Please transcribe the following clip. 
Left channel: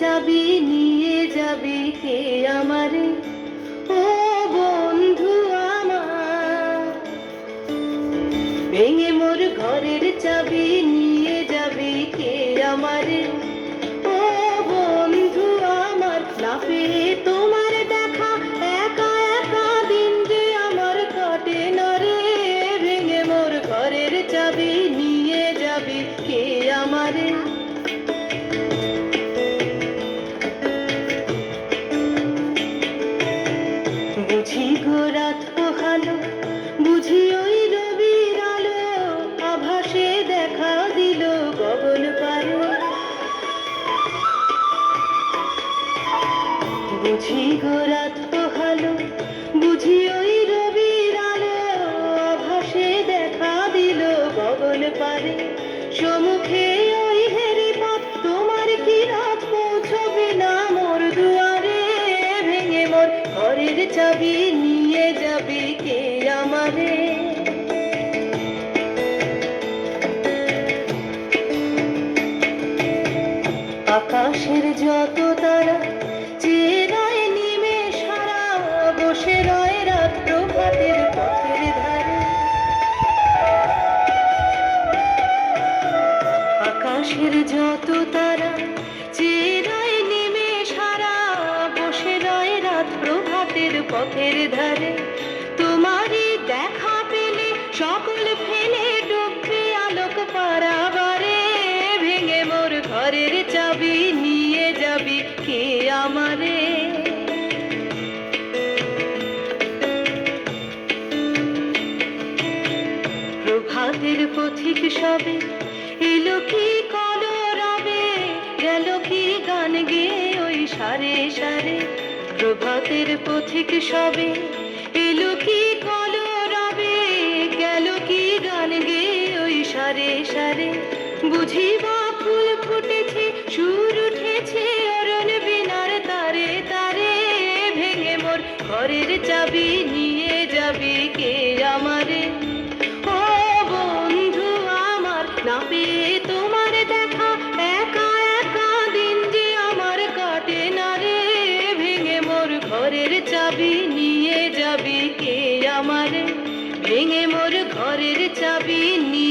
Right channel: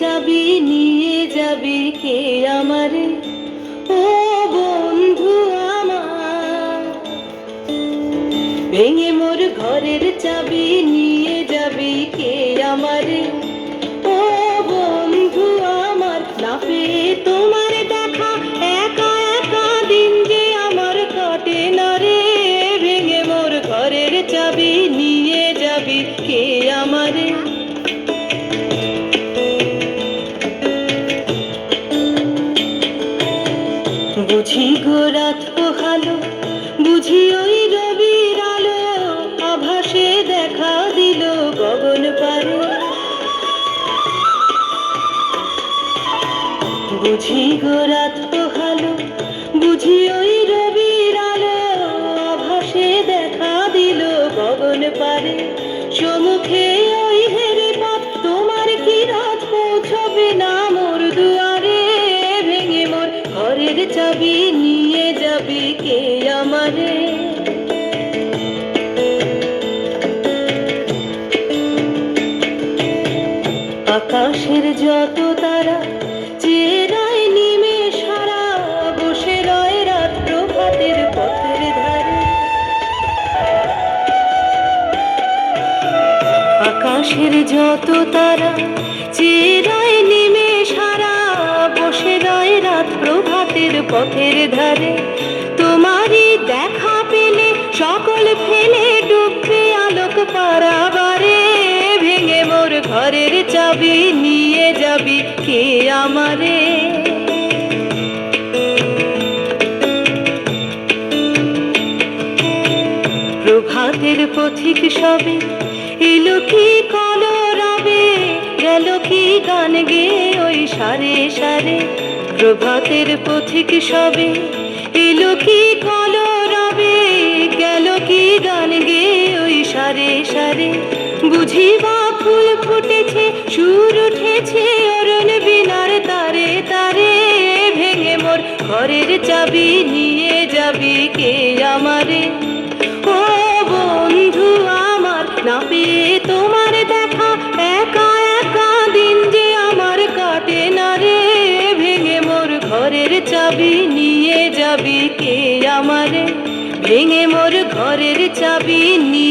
চাবি নিয়ে যাবি কে আমারে, ও বন্ধু আমার। ভেঙে মোর ঘরের চাবি নিয়ে যাবি কে আমারে, ও বন্ধু আমার। না পেয়ে তোমার দেখা একা একা দিন যে আমার কাটে না রে। ভেঙে মোর ঘরের চাবি নিয়ে যাবি কে আমারে। বুঝি গো রাত পোহালো, বুঝি ওই রবির আলো, আভাসে দেখা দিল গগন পারে। বুঝি গো রাত পোহালো, বুঝি ওই রবির আলো, আভাসে দেখা দিল গগন পারে। সম্মুখে ওই হেরি পথ, তোমার কি রাত পৌঁছবে না মোর দুয়ারে। ভেঙে মোর ঘরের চাবি নিয়ে যাবি কে আমারে। আকাশের যত তারা চেয়ে রয় নিমেষ হারা, বসে রয় রাত প্রভাতের পথের ধারে। আকাশের যত তারা চেয়ে রয় নিমেষ হারা, বসে রয় রাত প্রভাতের পথের ধারে। তোমারই দেখা পেলে সকল ফেলে ডুববে আলোক পারাবারে। ভেঙে মোর ঘরের চাবি নিয়ে যাবি কে আমারে। প্রভাতের পথিক সবে এলো কি কলরবে, গেল কি গান গেয়ে ওই সারে সারে। প্রভাতের পথিক সবে এলো কি কলরবে, গেল কি গান গেয়ে ওই সারে সারে। বুঝি বা ফুল ফুটেছে, সুর উঠেছে অরুণ বিনার তারে তারে। ভেঙে মোর ঘরের চাবি নিয়ে যাবি কে আমারে, ও বন্ধু আমার। না পেয়ে তোমার দেখা একা একা দিন যে আমার কাটে না রে। ভেঙে মোর ঘরের চাবি নিয়ে যাবি কে আমারে। ভেঙে মোর ঘরের চাবি নিয়ে